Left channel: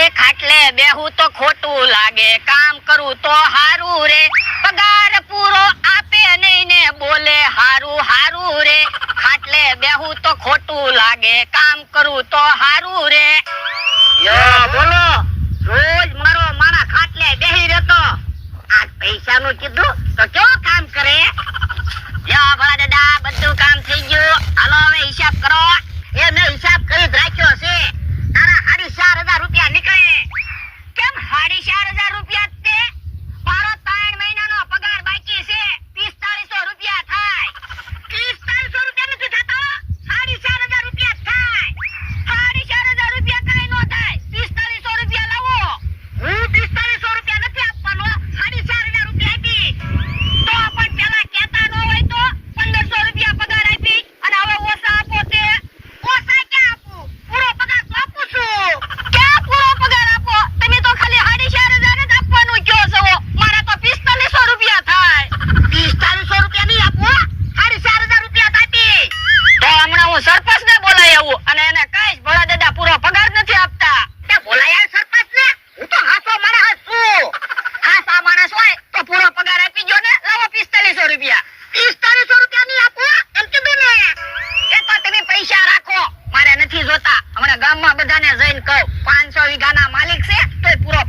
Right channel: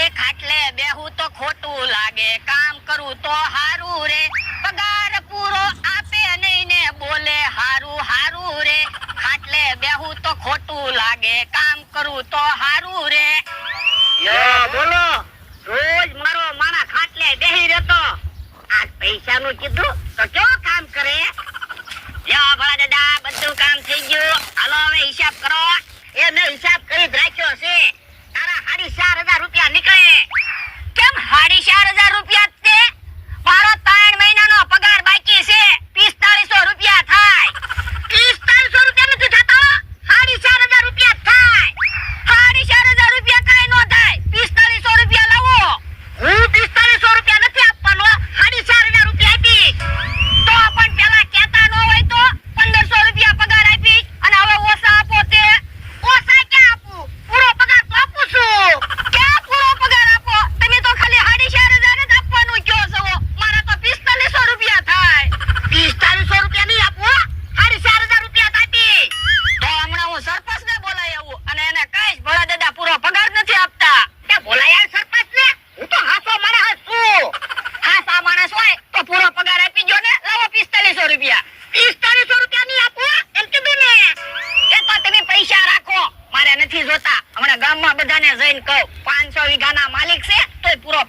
એક ખાટલે બેહું તો ખોટું લાગે. કામ કરું તો હારું રે. પગાર પૂરો આપે નહીં ને બોલે હારું હારું રે. ખાટલે બેહું તો ખોટું લાગે. કામ કરું તો હારું રે. બોલો. રોજ મારો માણા ખાટલે બેહી રહેતો. આ પૈસાનું કીધું તો કેવું કામ કરે? જા ભલા દાદા જોતા. હમણાં ગામમાં બધાને જઈને કહું પાંચસો વીઘાના માલિક છે તો પૂરો